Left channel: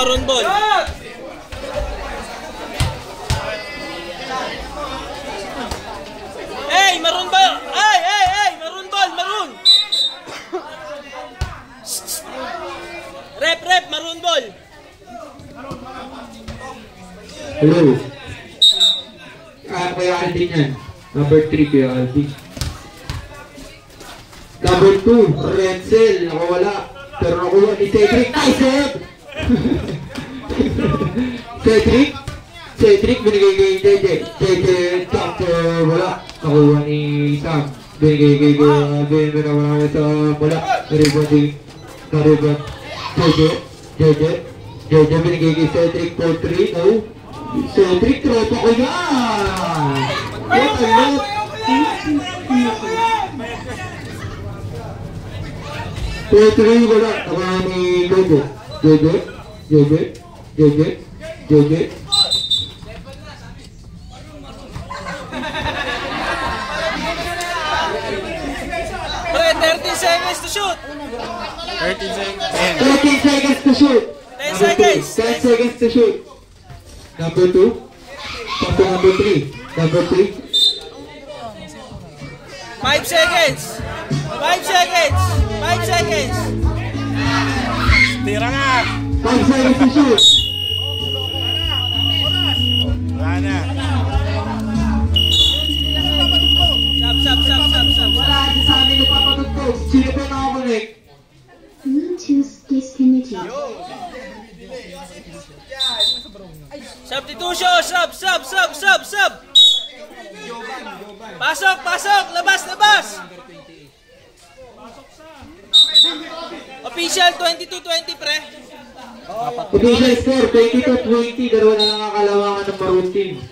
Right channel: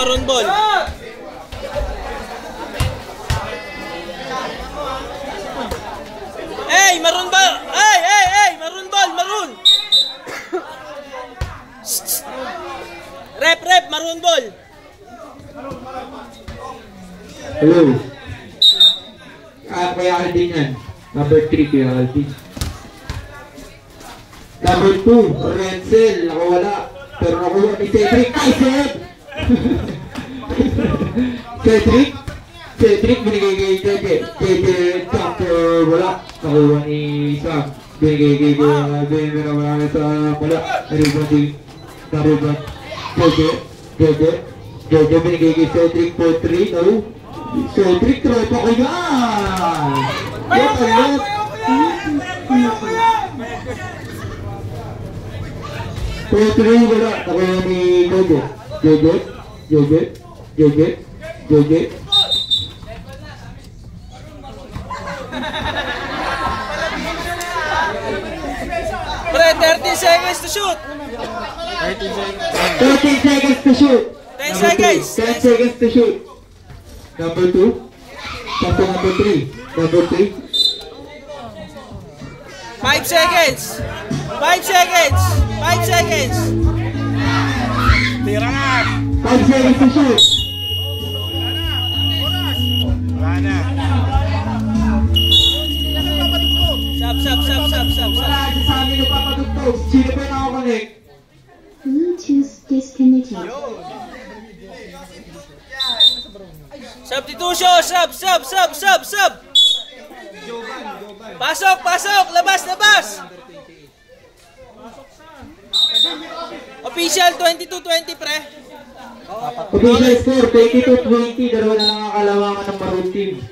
maroon ball. Hey, maroon ball. Hey, maroon ball, maroon. Rep, maroon ball. Hello. Kaya Alvin yan. Number 3 kaya Alvin. Number 2, Renzel. Nakawala. Pero nakuha ni Cedric. Ay, Seb! Cedric binigay kay JJ. JJ chapter wala. Nakuha ni Sam. Binigay kay Alvin. Binigay sa wala. Nariban. JJ binigay kay Cedric for 3. No? Cedric, tropa ko yan! What a lot! For 3 wala. Nakuha ni JJ. Pre, 30 seconds to shoot. 13 seconds to shoot. 10 seconds. 10 seconds to shoot. Number 2. Number 3. Number 3. 5 seconds. 5 seconds. 5 seconds. Tira nga. 5 seconds to shoot. Sab. Wala sa amin yung papatugtog. Sino pa nakakonect? Bluetooth disconnected. Substitution. Sub. Pasok. Labas. Official 22-20 pre. Official score 22-20. Dalawa na nakakalawangan ng Maroon team.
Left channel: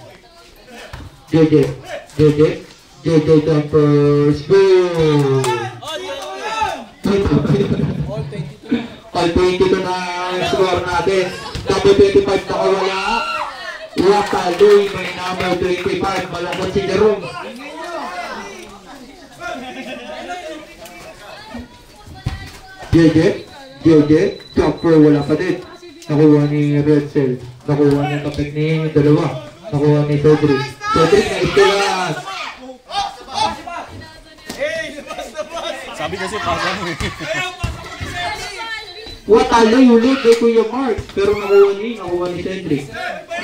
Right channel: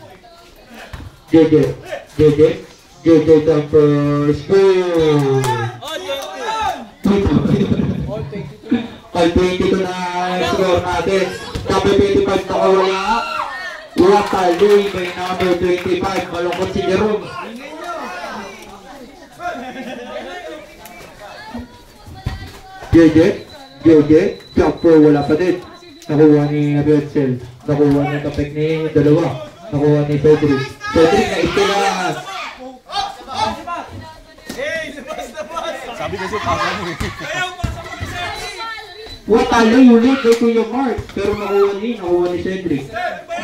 JJ jumpers. Boom! All 22 na score natin. Number 25 nakawala. Wataloy may number 25. Malungkot si Jerome. JJ jumper wala pa din. Nakuha ni Renzel. Nakuha ni kapag ni dalawa. Nakuha ni Cedric na istilas. Sabi kasi pasok. Wataloy ulit kay Kuya Mark. Pero nakuha ni Cedric.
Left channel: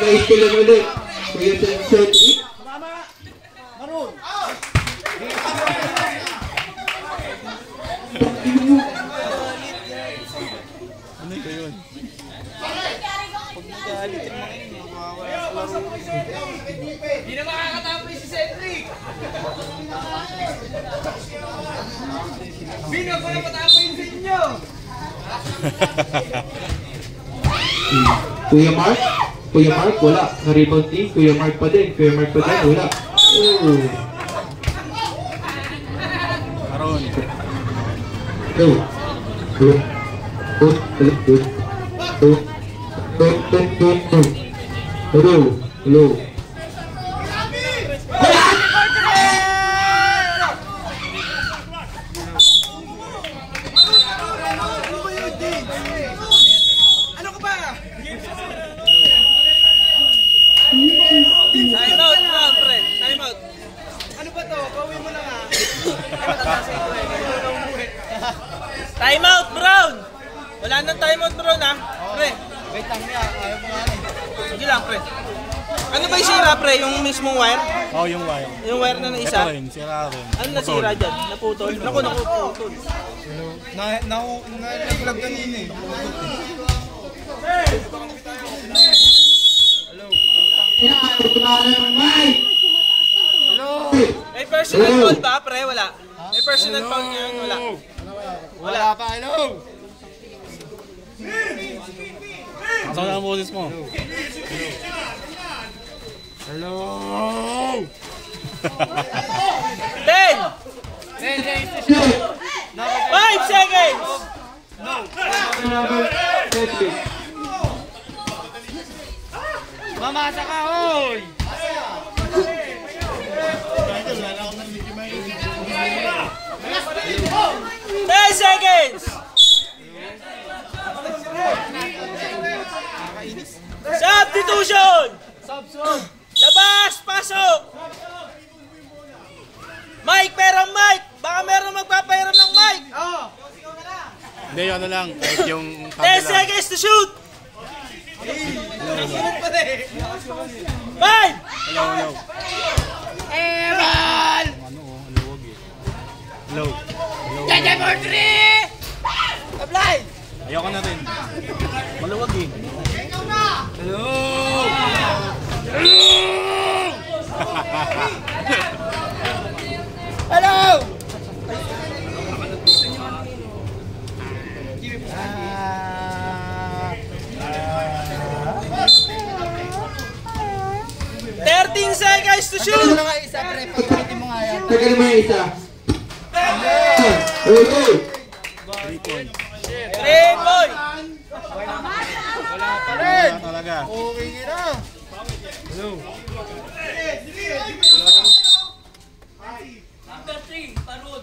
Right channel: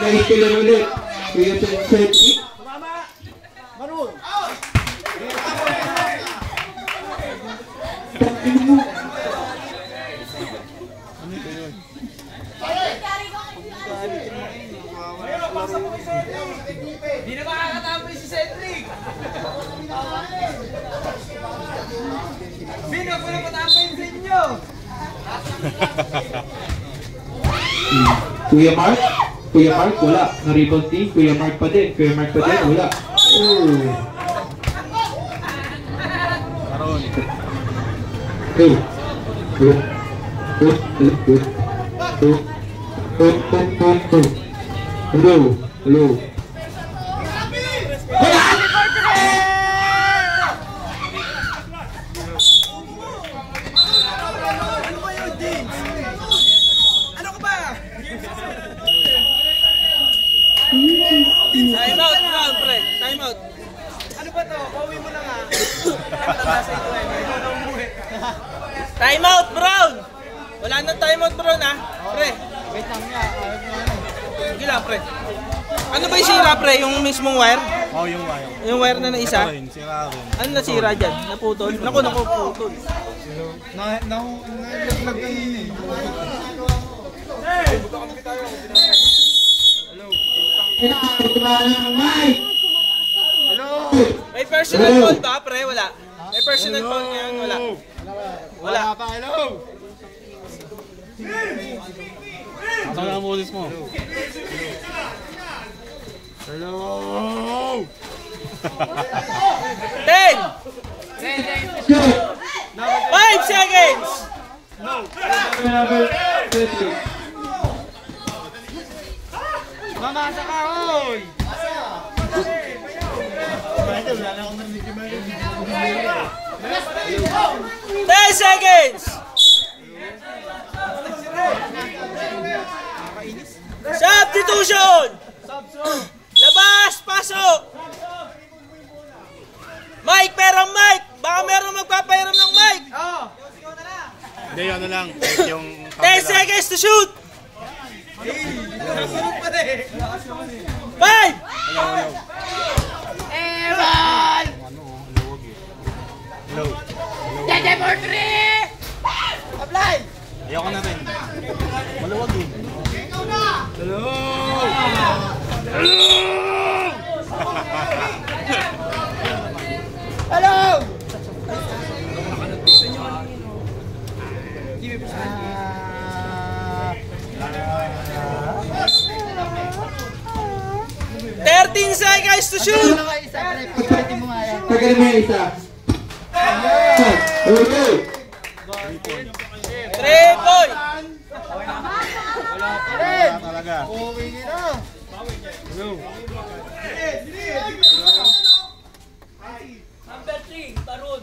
Na-istilan ulit. Kuya Cedric. Hindi na makakatapos si Cedric. Sino ko na matapos sa inyo? Kuya Mark wala. Na-rebound team. Kuya Mark pa din. Wala. Oh. Hello. Time out. Ano ba to? Pauwi mo na nga. Time out, Brown! Wala nang time out, Brown, ha? Pre. Wait lang niya. Hindi lang, pre. Ano ba yung sira, pre? Yung mismong wire? Oh, yung wire. Yung wire na isa? Sira rin. Ano nasira dyan? Naputol? Naku, putol. Nalaglag kanina eh. May personal foul ba, pre? Wala. May personal foul yan? Wala. Wala. Saan ang boses mo? Hello! 10! 5 seconds! Mamasa ka, oy! 10 seconds! Substitution! Labas! Pasok! Mike, pero Mike! Baka meron magpapahiram ng Mike! Hindi, ano lang. Yung 10 seconds to shoot! 5! Hello. Ayoko na rin. Maluwag eh. Hello! 13 seconds to shoot! Tagal mo yung isa. Okay. 3 point! Wala talaga. Number 3, Tarun.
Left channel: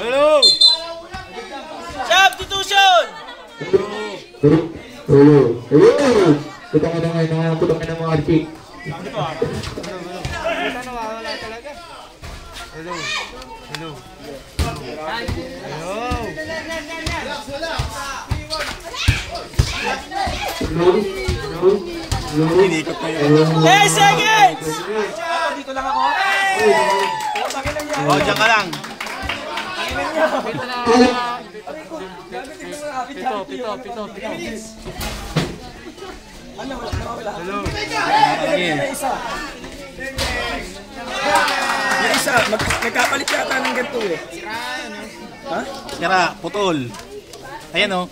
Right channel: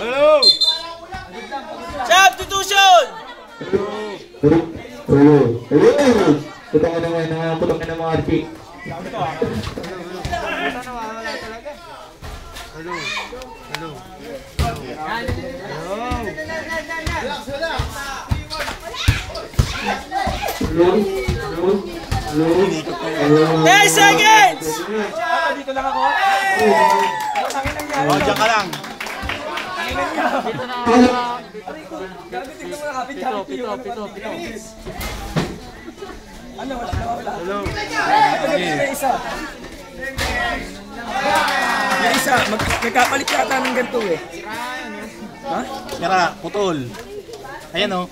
Hello! Substitution! Putangin na mga artik. Inikot na yun. 10 seconds! Dito lang ako. Oh, dyan ka lang. Yung isa, magkapalit yata ng ganito eh. Ha? Kaya, putol. Ayan o.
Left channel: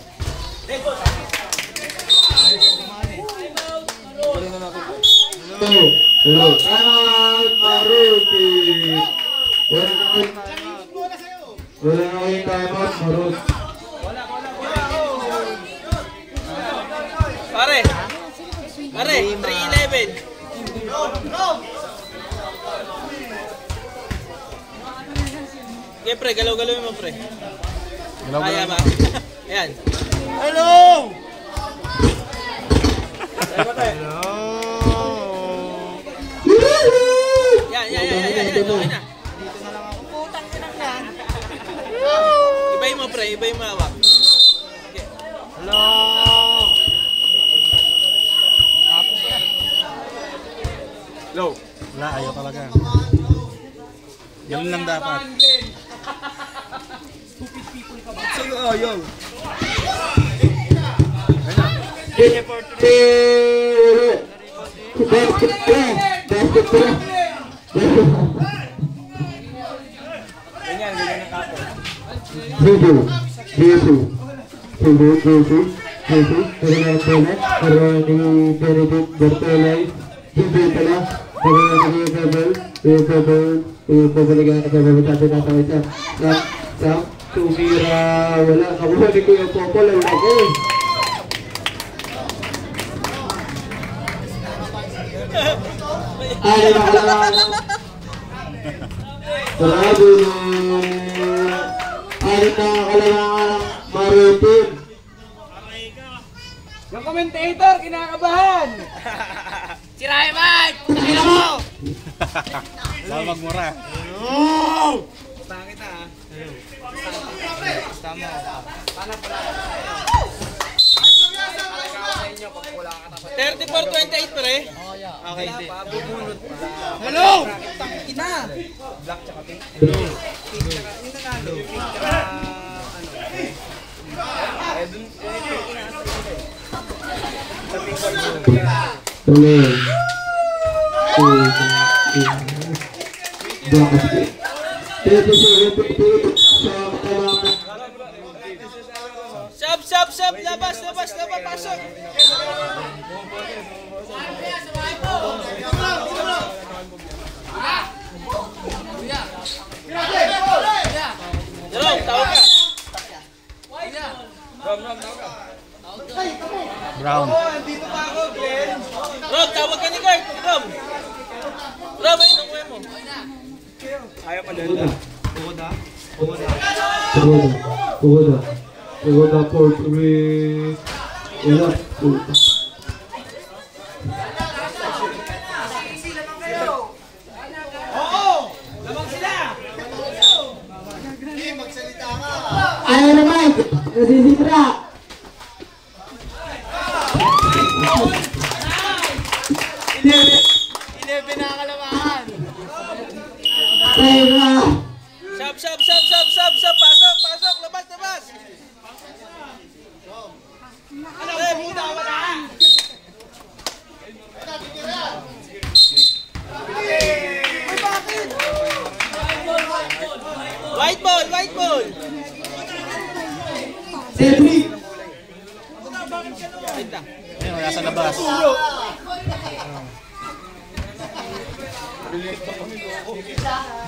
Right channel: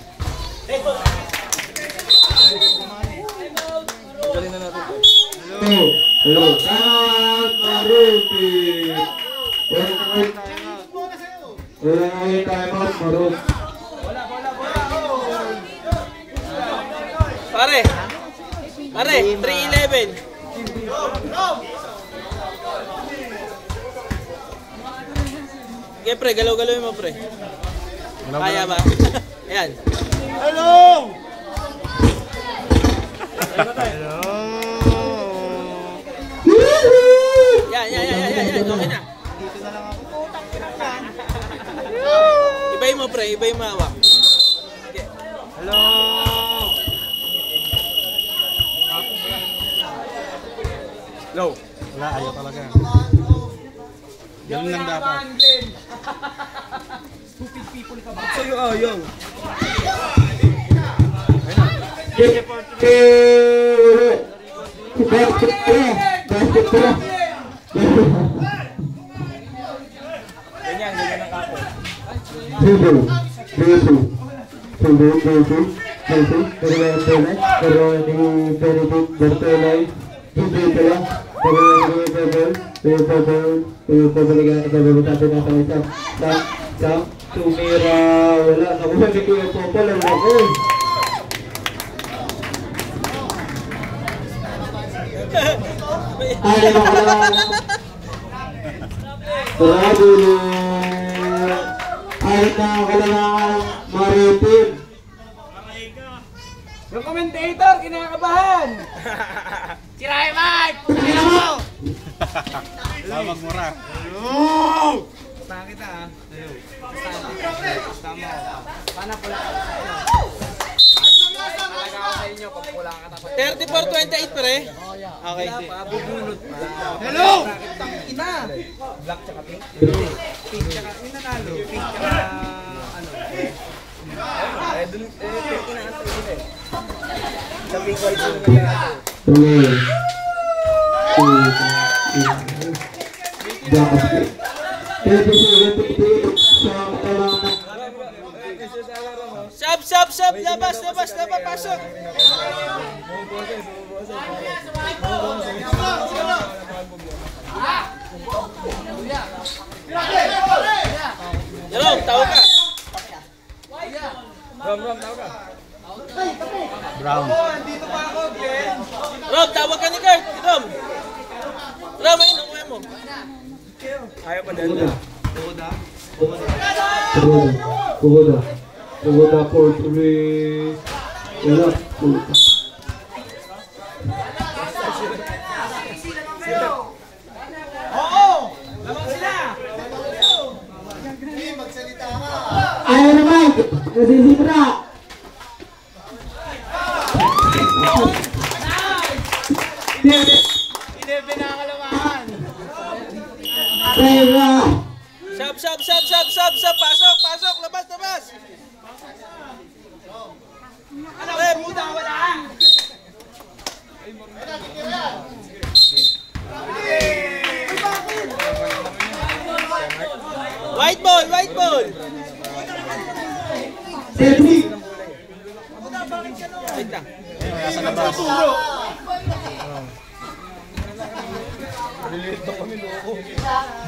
Hello. Maruti. Wala na yung timeout, Marut. Pare, 3-11. Okay, pre, galaw-galawin mo, pre. Kaya ba? Ayan. Hello! Yan. Ibayin mo, pre. Ibayin mo hawak. Hello! Low. Wala, ayaw talaga. Ganun lang dapat. Sa'yo ayaw. Ganyan ang kapo. Tumira, wala. Nakuha ni Kuya Popol, ang laki. Ay, makalaman. Bravo. Ay, nakakalaman. Maritim. Yung commentator, kinakabahan. Si Rayman! Saan magmura? Bakit ah? 34-28 pre. Okay. Hello! Ina! Black tsaka pink. Pink tsaka yung nanalo. Pink tsaka ano. Dun pink na sa ina. Sa pink card yun. Sab, labas, pasok. Rom, tawag ka. Brown. Rom, tawag ka ni Kurt. Rom, ayun, mo. Ayaw pa din. Pagoda for 3. Wala. Puta. Ayan naman! Nasisira! Sab! Pasok! Labas! White ball! Cedric! Wait lang. Ayun, nasa labas.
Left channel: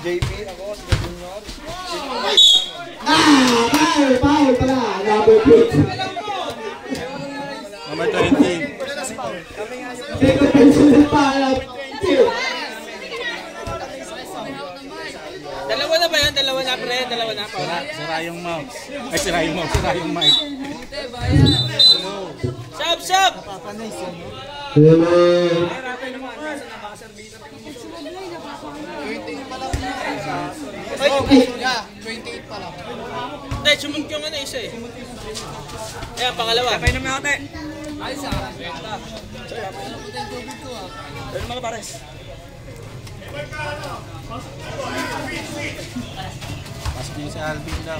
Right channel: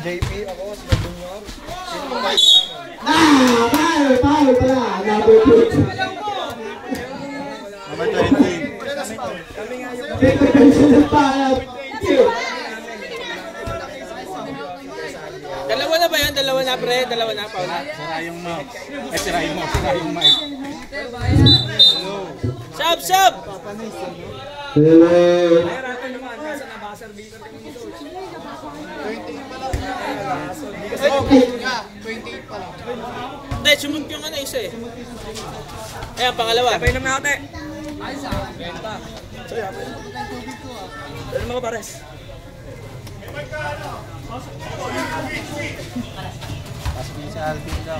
JP ako, Foul pala! Number 20. Number 20. Take the pencil ng para. Dalawa na ba yan? Dalawa na, pre? Dalawa na, pa. Sira yung mouse. Ay, sira yung mic. Sab! Hello! Hindi, sumunod yung ano isa eh. Ayan, pangalawa. Kapay naman ako, te. Ano mo, pares? Pasok niyo sa Alvin daw.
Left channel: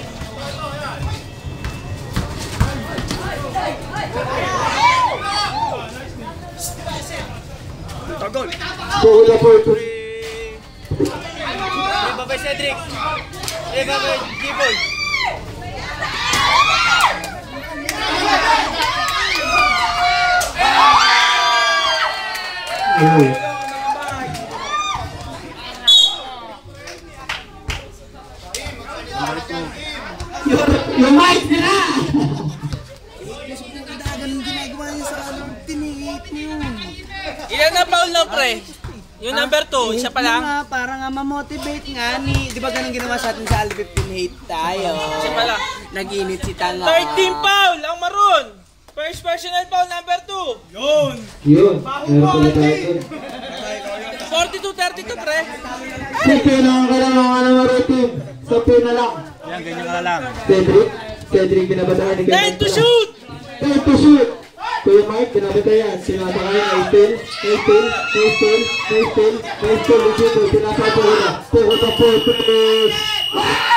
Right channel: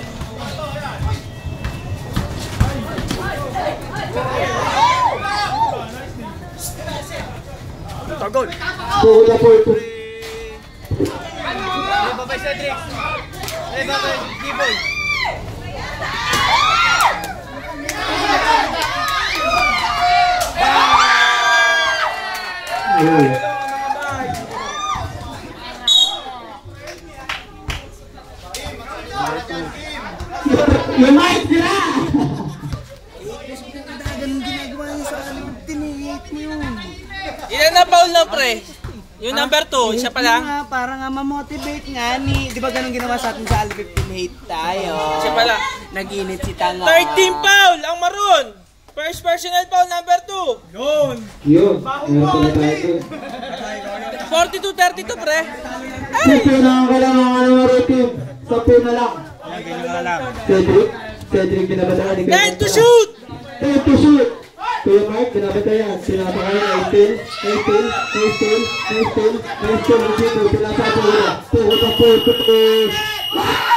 Tagol. Pagoda for 2. Babay Cedric. Babay G-Boy. Yung mic nila! Ganun ginagawa niya sa amin. Tinihit mo yun. Ilan na foul na, pre? Yung number 2, siya pa lang? Para nga ma-motivate nga ni, di ba ganun ginawa sa atin sa Al 15 hate tayo? Siya pa lang. Nag-init si Tanga. 13 foul ang maroon. First personal foul number 2. Yun! Meron pala tayo. 42-32, pre. Sampay na ang kailangan ng ano team. Sampay na lang. Yan, ganyan na lang. Cedric binabatayan. 9 to shoot! 10 to shoot! Kuya Mark, binabatayan. Sinabakayan 18. Tinatapo nila. Pagoda for 3.